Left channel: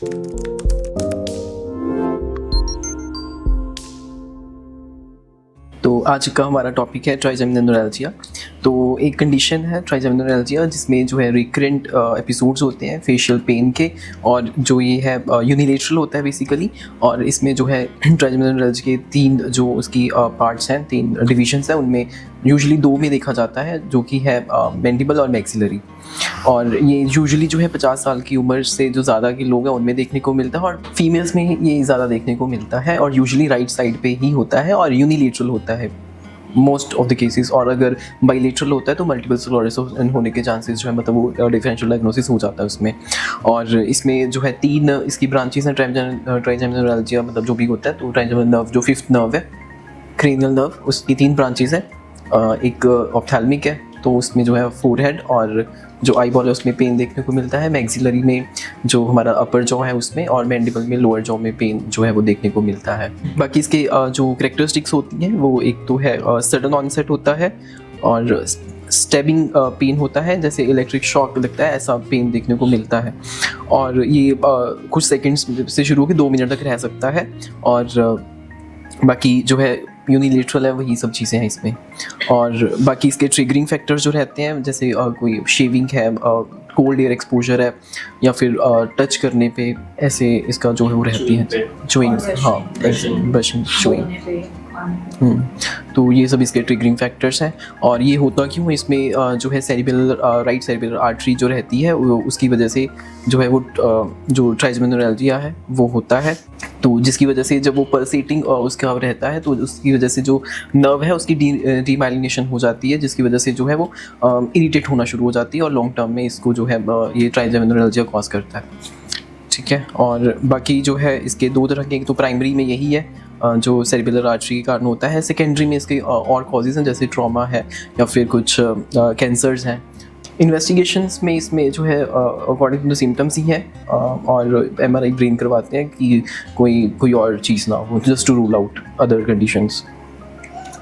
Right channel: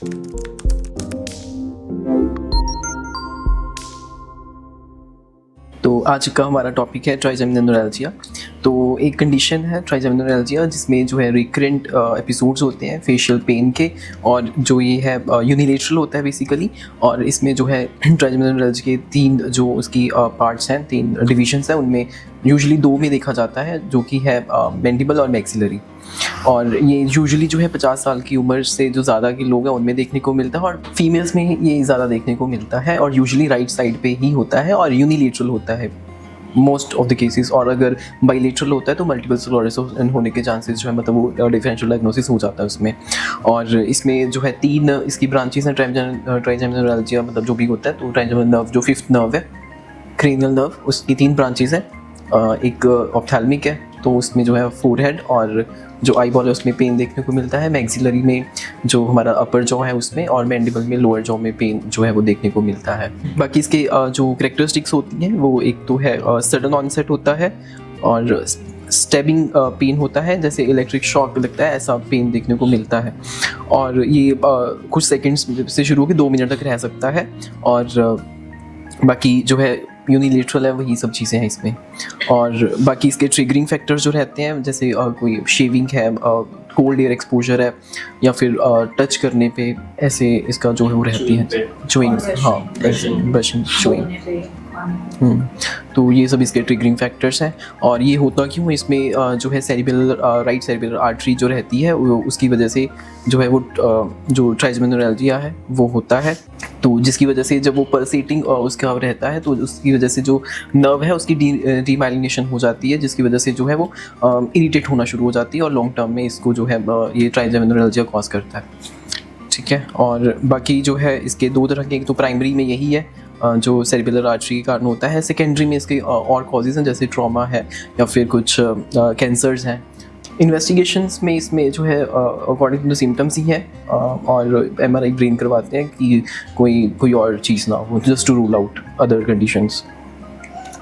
तो आज का हमारा टॉपिक है ट्राइजेमिनल न्यूरैल्जिया। तो एक कंडीशन है ट्राइजेमिनल न्यूरैल्जिया जिसमें जो है रिकरेंट एपिसोड्स होते हैं फेशियल पेन के, और जो ये है यूनिलेटरल होता है बेसिकली। और इसमें जो है ट्राइजेमिनल न्यूरैल्जिया के तीन जो उसकी पार्ट्स हैं, तीन डिविजन्स हैं, उनमें यूजुअली दो में देखा जाता है, जो कि है मैंडिबल और मैक्सिलरी। और ये यूजुअली जो है 50 साल की उम्र से जो ज़्यादा के लोग हैं उनमें देखने को मिलता है, और फीमेल्स में ये ज़्यादा देखने को मिलता है, और यूजुअली राइट साइड पे ही होता है और यूनिलेटरल होता है मोस्ट ऑफ द केसेस। और अगर बाइलेटरल होता है तो मल्टीपल स्क्लेरोसिस होने के चांसेस जो है, मतलब वो डिफरेंशियल डायग्नोसिस हो जाता है उसमें। और इसमें जो है तीन इसकी ब्रांचेस हैं ट्राइजेमिनल न्यूरैल्जिया, मतलब जो भी होता है। तो ट्राइजेमिनल नर्व जो फिफ्थ नर्व है, क्रेनियल नर्व, उसकी तीन ब्रांचेस हैं। एक ऑप्थेल्मिक है, तो उसमें जो है फोरहेड और जो आई बॉल है उसमें पेन देखने को मिलता है। मैक्सिलरी में जो हमारा अपर जॉ है उसमें, और मैंडिबल में लोअर जॉ में पेन जो है वो देखने को मिलता है। बाकी इसके जो कैरेक्टरिस्टिक्स होती हैं वो एक तो है सडन ऑनसेट होता है, और स्टेबिंग पेन होता है, जैसे इलेक्ट्रिक शॉक लगता है ऐसा पेन देखने को मिलता है। और ये कुछ सेकेंड्स से शुरू होकर 2 मिनट तक रह सकता है। और बाकी जो है यूनिलेटरल है, वही सब चीज़ें हैं इसमें। और बाकी इसके ट्रिगरिंग फैक्टर्स जो रहते हैं, जैसे कोई शेविंग है, कोल्ड एयर एक्सपोजर है, या फिर टच करने पे ऐसे इसका जो है वो रहती है चुइंग, हाँ ब्रशिंग चुइंग। तो ये सब इसके ट्रिगरिंग फैक्टर्स हैं। और ये होता क्यों, इसमें जो है सेरिब्रल राइट सेरिब्रल आर्टरी जो रहती है उसकी वजह से जो है वो जो ट्राइजेमिनल न्यूरैल्जिया है वो होता है। तो जिसकी वजह से जब वो पल्सेटिंग उसका रहता है, तो उसकी वजह से जो नर्व है उसकी डीमाइलिनेशन हो जाती है, जिसकी वजह से जो है वो इरिटेट होना शुरू हो जाती है, और लॉन्ग टर्म में इसको जो है ये ट्राइजेमिनल न्यूरैल्जिया कॉज करता है। ठीक है। और बाकी जो है इसके दो तरह के, एक तो प्राइमरी में यही है जो सेरिब्रल आर्टरी के कारण होता है। सेकेंडरी में इसके और कॉजेज हैं, जैसे ट्रॉमा है या फिर कुछ कैंसर्स हैं। इन्वेस्टिगेशंस में इसमें जो है अकॉर्डिंग टू सिम्टम्स ही है, और MRI ब्रेन करवाते हैं कि कोई और चीज़ ना हो, just to rule out other conditions.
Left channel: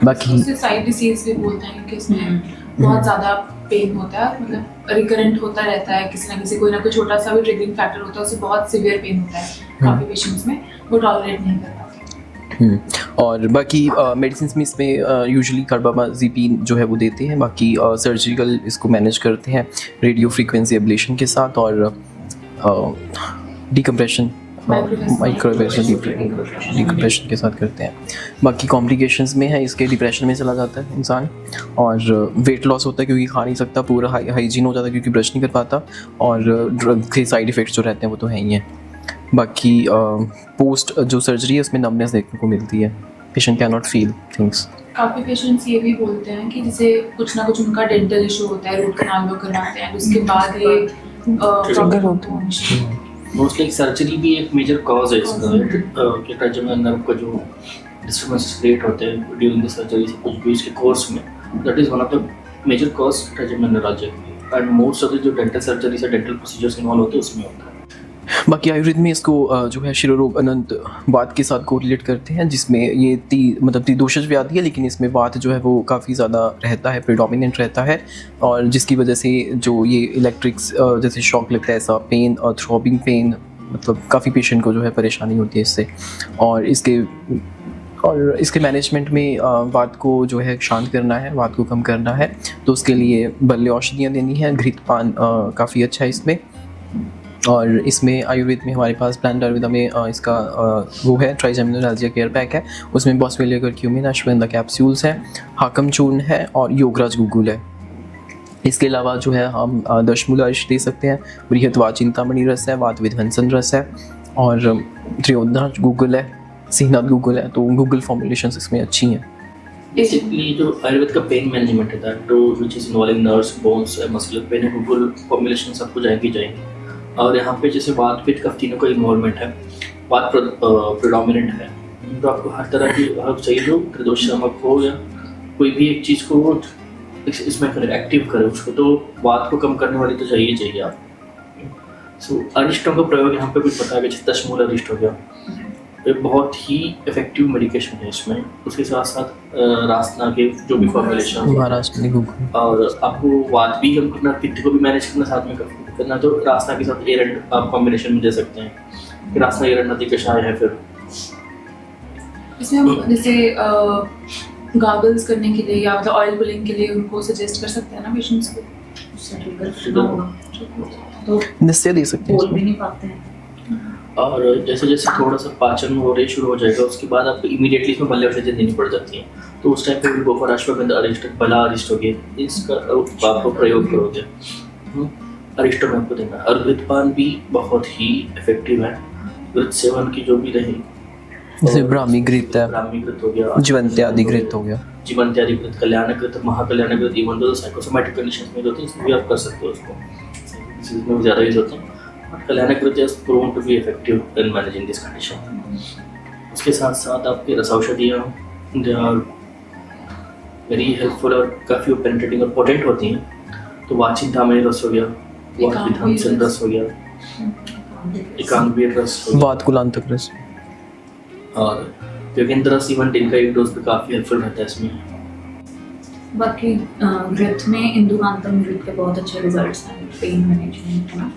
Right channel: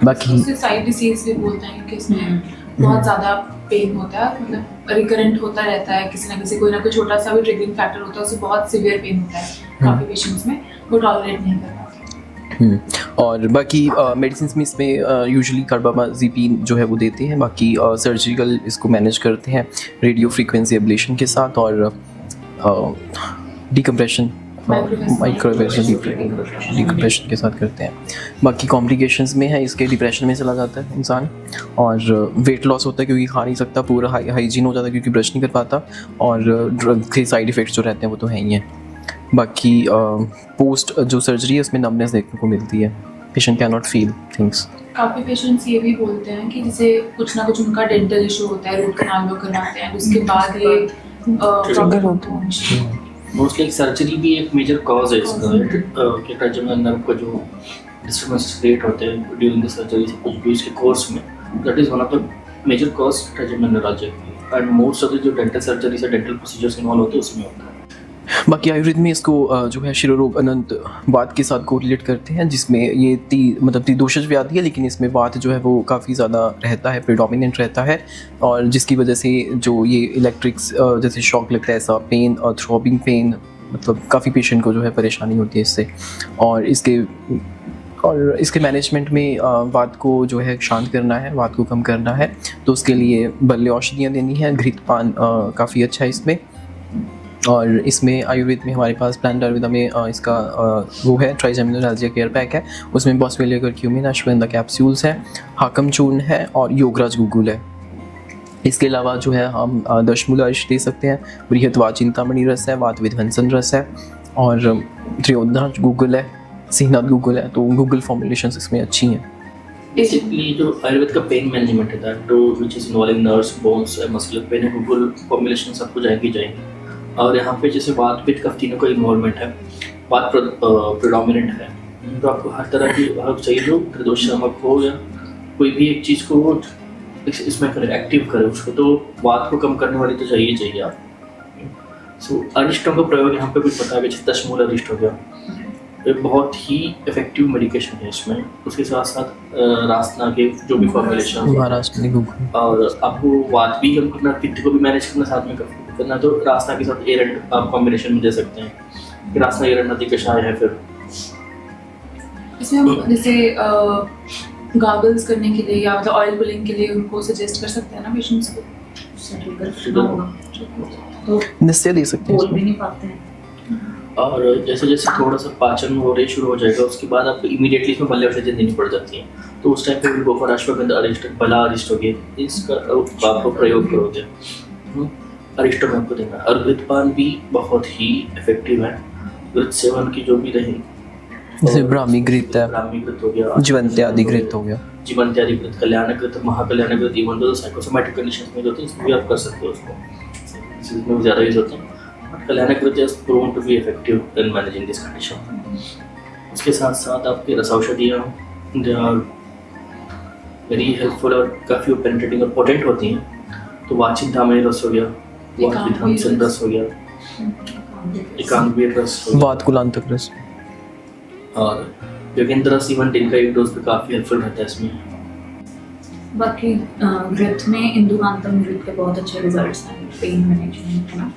बाकी साइड डिसीज भी बोलते हैं कि उसमें बहुत ज़्यादा पेन होता है, मतलब रिकरेंट होता रहता है, किसी ना किसी कोई ना कोई छोटा सा भी ट्रिगरिंग फैक्टर होता है, उससे बहुत सीवियर पेन होता है काफ़ी पेशेंट्स में, वो टॉलरेट नहीं करता। और बाकी मेडिसिन में इसमें यूजुअली कार्बामाज़ेपिन जो है वो देती है। बाकी सर्जिकल इसको मैनेज करते हैं रेडियो फ्रीक्वेंसी एब्लेशन के साथ, और डिकम्प्रेशन डिकम्प्रेशन के साथ करते हैं। बाकी कॉम्प्लिकेशंस में है इसके डिप्रेशन में चला जाता है इंसान, और वेट लॉस होता है क्योंकि खा नहीं सकता, पूरा हाइजीन हो जाता है क्योंकि ब्रश नहीं कर पाता, और ड्रग के साइड इफ़ेक्ट्स जो रहते हैं वो तो हैं ही हैं। बाकी पोस्ट जो सर्जरी है उसमें नमनेस देखने को मिलती है, patient can not feel things. काफ़ी पेशेंट्स ये भी बोलते हैं कि जैसे कुछ ना कुछ उनका डेंटल इशू होता है, रूट कैनाल में कराते हैं, उसके बाद ये प्रॉब्लम होता है। मोस्टली सर्जरी भी एक मेजर कॉज है इसका, कि ट्राइजेमिनल नर्व का जो डिस्टर्बेंसेस क्रिएट होते हैं ड्यूरिंग द सर्जरी, से कुछ भी इसके कोर्स में, that is one of the major cause trigeminal neuralgia की। एंड मोस्ट ऑफ द जो डेंटल सर्जरी से डेंटल प्रोसीजर्स इन्वॉल्व होते हैं उसमें होता है। बाकी आयुर्वेद में इसको जो है शिरोरोग अनंत बात के साथ कोरिलेट करते हैं, जिसमें ये मतलब त्रिदोषज भी आती है, लेकिन इसमें बात जो है वो काफ़ी ज़्यादा रहता है, प्रेडोमिनेंट रहता है, और जिसकी वजह से जो ये इलेक्ट्रिक्स जैसे शॉक लगता है, ऐसा पेन और थ्रोबिंग पेन, मतलब काफ़ी पेशेंट को जो है परेशानी होती है इससे। और इसके मैनेजमेंट में वात को जो है शांत करना है, वात को कम करना है, तो उसके लिए बल्ले औषधियाँ देनी है। घृतपान काफ़ी अच्छा है इसमें। और इसमें आयुर्वेद में हमारे पास प्लांट आयुर्वेदा में इसका वो है ट्राइजेमिनल न्यूरैल्जिया केयर पैक है, उसमें बॉस्वेलिया कर्क्यूमिन, अश्वगंधा कैप्सूल्स हैं, हाकम चूर्ण है, और योगराज गुगुल है। इसके अलावा जो है हम दशमूलाश दे सकते हैं, बृहत्वा चिंतामणि रस है, वात विध्वंसन रस है, और त्रियोदश गुगुल है, सीनाथ गुगुल है। तो गूगल फॉर्मुलेशंस इसमें अच्छी हैं। बेसिकली जो आयुर्वेद का पेन मैनेजमेंट है, that which is involving nerves, bones and muscle pain है, गूगल फॉर्मुलेशन आपको जाएंगी। और यहाँ पे जैसे वात पित्त कफ तीनों का इन्वॉल्वमेंट है, वात प्रेडोमिनेंट है, तो आपको हर तरह की आप चाहिए जो त्रिदोष शामक हो या कोई भी एक चीज़ को इसमें करे, एक्टिव करे उसको, तो वात को कम करने वाली तो चाहिए आपको। अरिष्टों का प्रयोग यहाँ पे भी पता है, जैसे दशमूल अरिष्ट हो गया, ये बहुत ही इफेक्टिव मेडिकेशन है इसमें। उसके साथ साथ रासना के जो भी फॉर्मुलेशन, और आपको वात भी कम करना, पित्त को भी मैनेज करना, साथ में करना, तो रासना के साथ एरंड आप कॉम्बिनेशन में दे सकते हैं। कि रासनागिरी नदी कषाय है फिर इसमें हम जैसे गार्गल्स करने के लिए या मतलब ऑयल पुलिंग के लिए उनको सजेस्ट कर सकते हैं ना पेशेंट्स को, उससे ट्रिगर होगा। नस्य दे सकते हैं बोल भी इसमें। नहीं पाते हैं। और जैसे जैसे थोड़ा सा पाचन हो रही शुरू हो जाएगा उसके बाद आप इमीडिएटली उसमें मल्य औषधि देनी पड़ जाती है, तो उस टाइम पे गोबर अश्वगंधा अरिष्टम बला अरिष्टोगेन इसका प्रयोग करते हैं। अरिष्टम आपको देना है। और वृद्धपान भी बहुत ही इफेक्टिव है। वृद्ध सेवन की जो भी रही जैसे ब्राह्मी घृत है, जीवन्त्यादि घृत हो गया, जीवन्त्यादि घृत, कल्याणकृत, महाकल्याणकृत, इवन तो साइकोसोमैटिक कंडीशंस में जो थी इसमें भी आप कर सकते हैं, इसमें ज़्यादा यूज होता है। Kalyanakrit is proven to be effective in managing this condition. इसके साथ साथ आपकी रस औषधियाँ दे आर वेरी हेल्पफुल और काफ़ी पेनिट्रेटिंग और पोटेंट होती हैं। तो वाचिंतामणि रस हो गया, विधानसन रस हो गया, एकांगवीर रस हो गया, वात कुलांतक रस, और योगेंद्र रस इवन दिन का एक डोज पे काफ़ी हेल्पफुल रहता है इसमें। बाकी ग्रेथ में इंदुकांतम ग्रेथ का बहुत अच्छा रिजल्ट्स हैं पेन मैनेजमेंट है ना।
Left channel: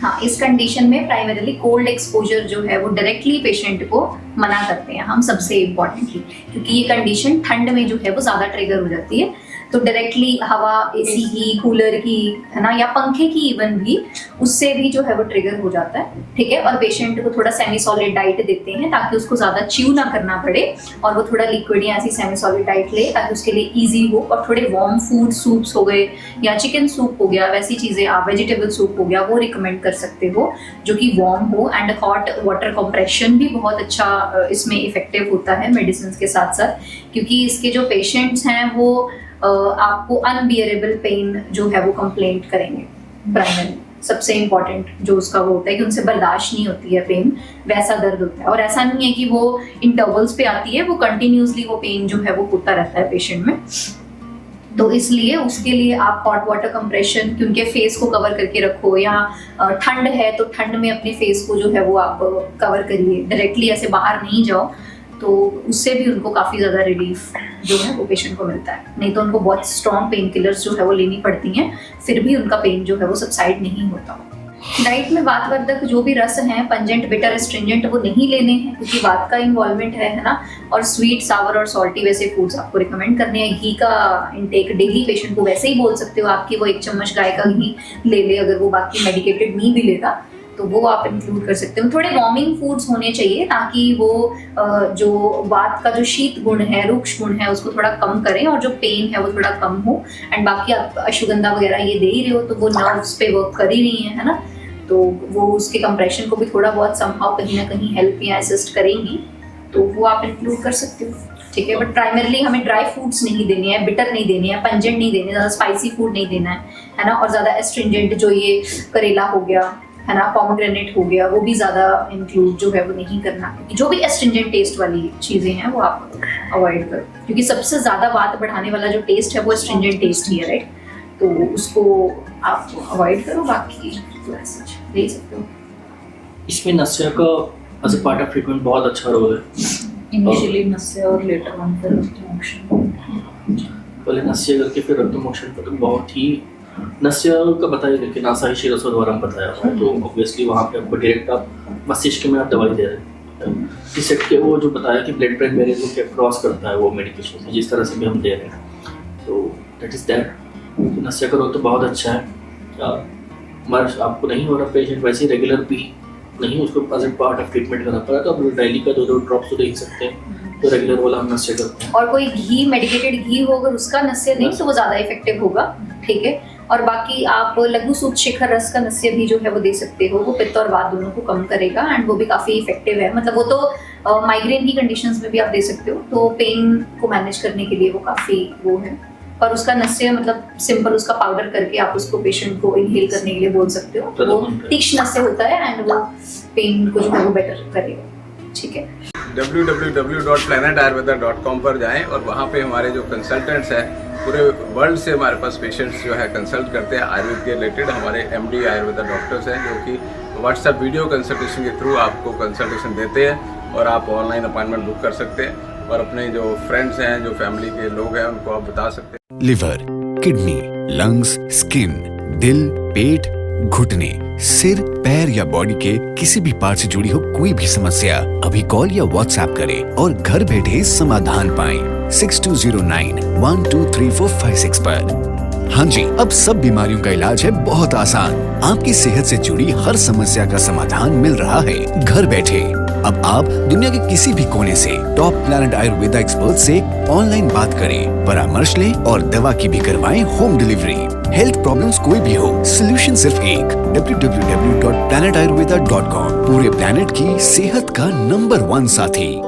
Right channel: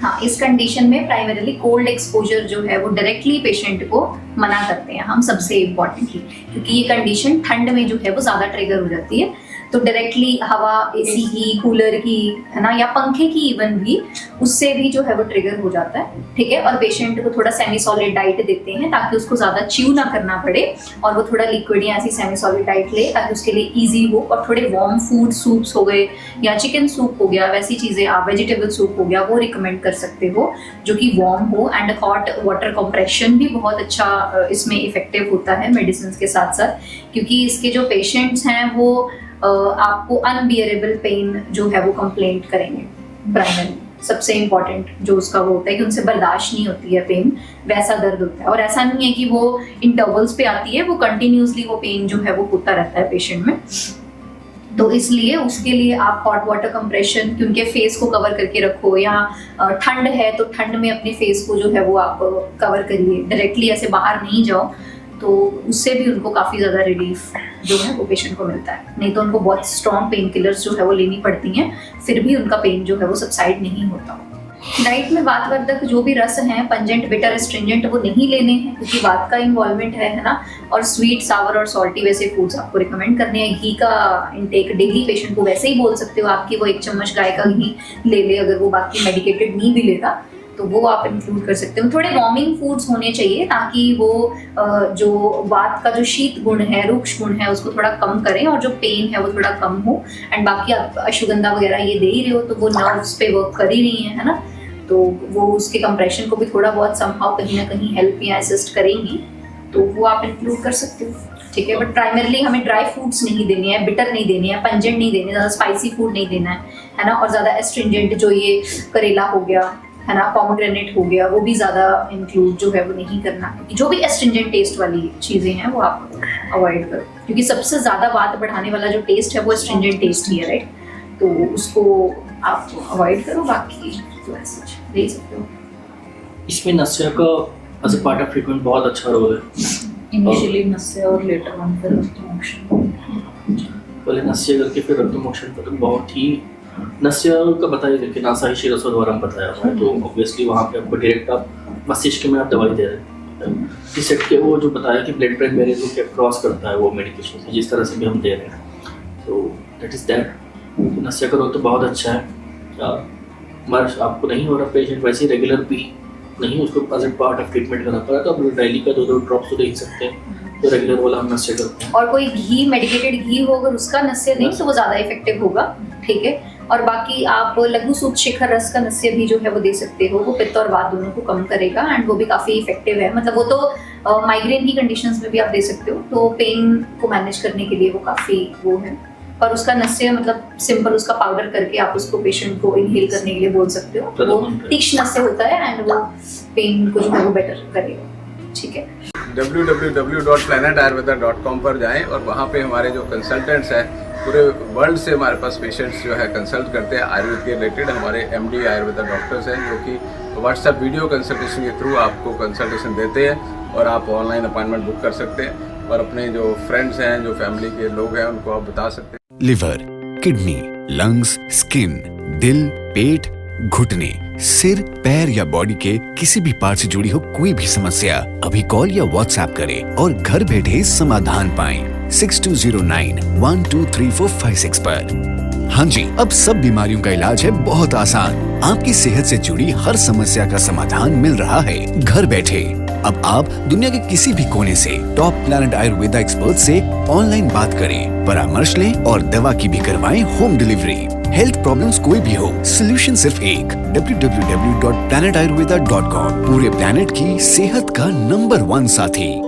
हाँ, इस कंडीशन में प्राइमरीली कोल्ड एक्सपोजर जो है वो डायरेक्टली पेशेंट को मना करते हैं हम, सबसे इम्पॉर्टेंट, क्योंकि ये कंडीशन ठंड में जो है वो ज़्यादा ट्रिगर हो जाती है। तो डायरेक्टली हवा, एसी की, कूलर की, है ना, या पंखे की इवन भी, उससे भी जो है वो ट्रिगर हो जाता है, ठीक है। और पेशेंट को थोड़ा सेमी सॉलिड डाइट देते हैं ताकि उसको ज़्यादा च्यू ना करना पड़े और वो थोड़ा लिक्विड या ऐसी सेमी सॉलिड डाइट ले ताकि उसके लिए ईजी हो। और थोड़े वार्म फूड, सूप्स हो गए या चिकन सूप हो गया, वैसी चीज़ें आप, वेजिटेबल सूप हो गया, वो रिकमेंड कर सकते हो जो कि वार्म हो। एंड हॉट वाटर कंप्रेशन भी बहुत अच्छा इसमें इफेक्टिव होता है मेडिसिन के साथ साथ, क्योंकि इसके जो पेशेंट्स हैं वो आपको अनबियरेबल पेन जो है वो कंप्लेंट करेंगे। प्राइमरी सबसे इम्पॉर्टेंट जो उसका वो होता है कि उनसे बर्दाश्त नहीं होती है पेन, वैसा दर्द होता है। और ऐसा नहीं है कि वो इंटरवल्स पे आती है, वो कंटिन्यूसली वो पेन जो है वो होता रहता है पेशेंट में। तो इसलिए उसके लिए आप हॉट वाटर कंप्रेशन, कि उनके फेस को कवर करके रखो, या ठंड है तो ठंड में अपने फेस को जो है वो आप कवर करिए, डायरेक्टली ऐसे बाहर नहीं जाओ, तो उससे भी उनको काफ़ी ज़्यादा रिलीफ जो है वो पेशेंट को मिलता है। नहीं तो उनको बहुत स्ट्रॉन्ग पेन किलर्स जो है वो लेनी पड़ती हैं, फिर भी उनका पेन जो है वो सबसाइड नहीं होता। डाइट में वातवर्धक जो भी रस हैं, पंजेंट, बिटर, एस्ट्रिंजेंट, वो नहीं लेने हैं क्योंकि वात का इन्वॉल्वमेंट है ना। और स्वीट, सावर और सॉल्टी वैसे फूड्स आपको रिकमेंड करने हैं। घी का इंटेक डेली पेशेंट को वैसे ही बोल सकते हो आपकी वो 1 चम्मच गाय का घी ले ले, अगर वो बाकी मेडिकेटेड नहीं भी लेता तो वो आप इंक्लूड कर सकते हो। थोड़े वार्मिंग फूड्स होने चाहिए ताकि वो जो वात का जो शीत गुण है, रुक्ष गुण है, उसको थोड़ा कम करें और जो पेन है वो थोड़ा कम हो। एंड बाकी आप अश्वगंधा वगैरह ये दे ही रहे हो तो वो नर्व्स पे वर्क कर ही रही है ना, तो वो उसके कंप्रेशन को भी थोड़ा बहुत समहाउ कहीं ना कहीं हेल्प या असिस्ट करेंगी, तो वो आप इंक्लूड कर सकते हो, ठीक है। बट प्राइमरली हमें ड्राई फ्रूट्स नहीं देने हैं, बिटर नहीं देने हैं, पंजेंट नहीं देने, ज़्यादा स्पाइसी फूड नहीं देना है ना। और ज़्यादा एस्ट्रिंजेंट जो ये करेला हो गया है ना, पोमेग्रेनेट हो गया, वो भी ज़्यादा इंक्लूड जो है वो नहीं करना। जो भी एस्ट्रिंजेंट टेस्ट वाली चीज़ें हैं वो आप अवॉइड करो, क्योंकि सबसे ज़्यादा बात बढ़ाने वाला जो टेस्ट है वो एस्ट्रिंजेंट टेस्ट ही है, राइट। तो उसको आप अवॉइड करो, बाकी नहीं सकते। इसमें नस्य का as a part of treatment बहुत अच्छा रोल है। इनिशियली नस्य और लेटर ऑन फिर रक्तमोक्षण। पहले नस्य करके फिर रक्तमोक्षण पर बहुत ही नस्य का बताया, लेकिन आसाही शिरसों द्वारा बताया हुआ है, तो ऑब्वियसली वहाँ पे आपको डायरेक्ट आप मस्तिष्क में आप दवाई दे रहे हैं। जिस सेट के वो जो बताया कि ब्लड ब्रेन बैरियर को क्या क्रॉस करता है वो मेडिकेशन, जिस तरह से भी हम दे रहे हैं, तो दैट इज दैट। नस्य का रोग तो बहुत अच्छा है। मर्ज आपको नहीं हो रहा, पेशेंट वैसे रेगुलर भी नहीं, उसको as a part of treatment करना पड़ा, तो आप डेली का 2 ड्रॉप्स तो दे सकते हैं, तो रेगुलर वाला हम नस्य करते हैं। और कोई घी, मेडिकेटेड घी हो अगर उसका नस्य नहीं तो वो ज़्यादा इफेक्टिव होगा, ठीक है। और बाकी आप लघु सूत शेखर रस का नस्य भी जो है वो दे सकते हो, वो पित्त और वात दोनों को कम करेगा एंड वो भी काफ़ी इफेक्टिव है। मतलब वो तो माइग्रेन की कंडीशंस में भी आप दे सकते हो, तो पेन को मैनेज करने के लिए वो काफ़ी वो है। और उसका नस्य मतलब सिंपल उसका पाउडर करके आप उसको पेशेंट को इनहेल करने के लिए बोल सकते हो, तो वो तीक्ष्ण नस्य होता है एंड वो पेन को जो है वो बेटर करेगा, ठीक है। www.planetayurveda.com पर जाएं और वहाँ पे हमारे जो कंसल्टेंट्स हैं पूरे वर्ल्ड से हमारे पास पेशेंट्स जो है कंसल्ट करते हैं आयुर्वेद के रिलेटेड। हमारे MD आयुर्वेदा डॉक्टर्स हैं जो कि व्हाट्सएप वीडियो कंसल्टेशन के थ्रू आपको कंसल्टेशन देते हैं और आप ऑनलाइन अपॉइंटमेंट बुक कर सकते हैं और अपने जो फ्रेंड्स हैं, जो फैमिली के लोग हैं, उनको आप बता सकते हैं। लिवर, किडनी, लंग्स, स्किन, दिल, पेट, घुटने, सिर, पैर या बॉडी के किसी भी पार्ट से जुड़ी हो कोई भी समस्या, अभी कॉल या व्हाट्सएप करें और घर बैठे समाधान पाएं 6209123456 पर। हाँ जी, अब सब बीमारियों का इलाज है बहुत आसान। आपकी सेहत से जुड़ी हर समस्या का समाधान मिल रहा है घर बैठे। अब आप दुनिया के किसी भी कोने से टॉप प्लैनेट आयुर्वेदा एक्सपर्ट से ऑनलाइन बात करें, परामर्श लें और दवा की भी करवाएं होम डिलीवरी। हेल्थ प्रॉब्लम्स कोई भी हो, सोल्यूशन सिर्फ एक, www.planetayurveda.com। पूरे प्लैनेट की सेहत का नंबर 1 साथी।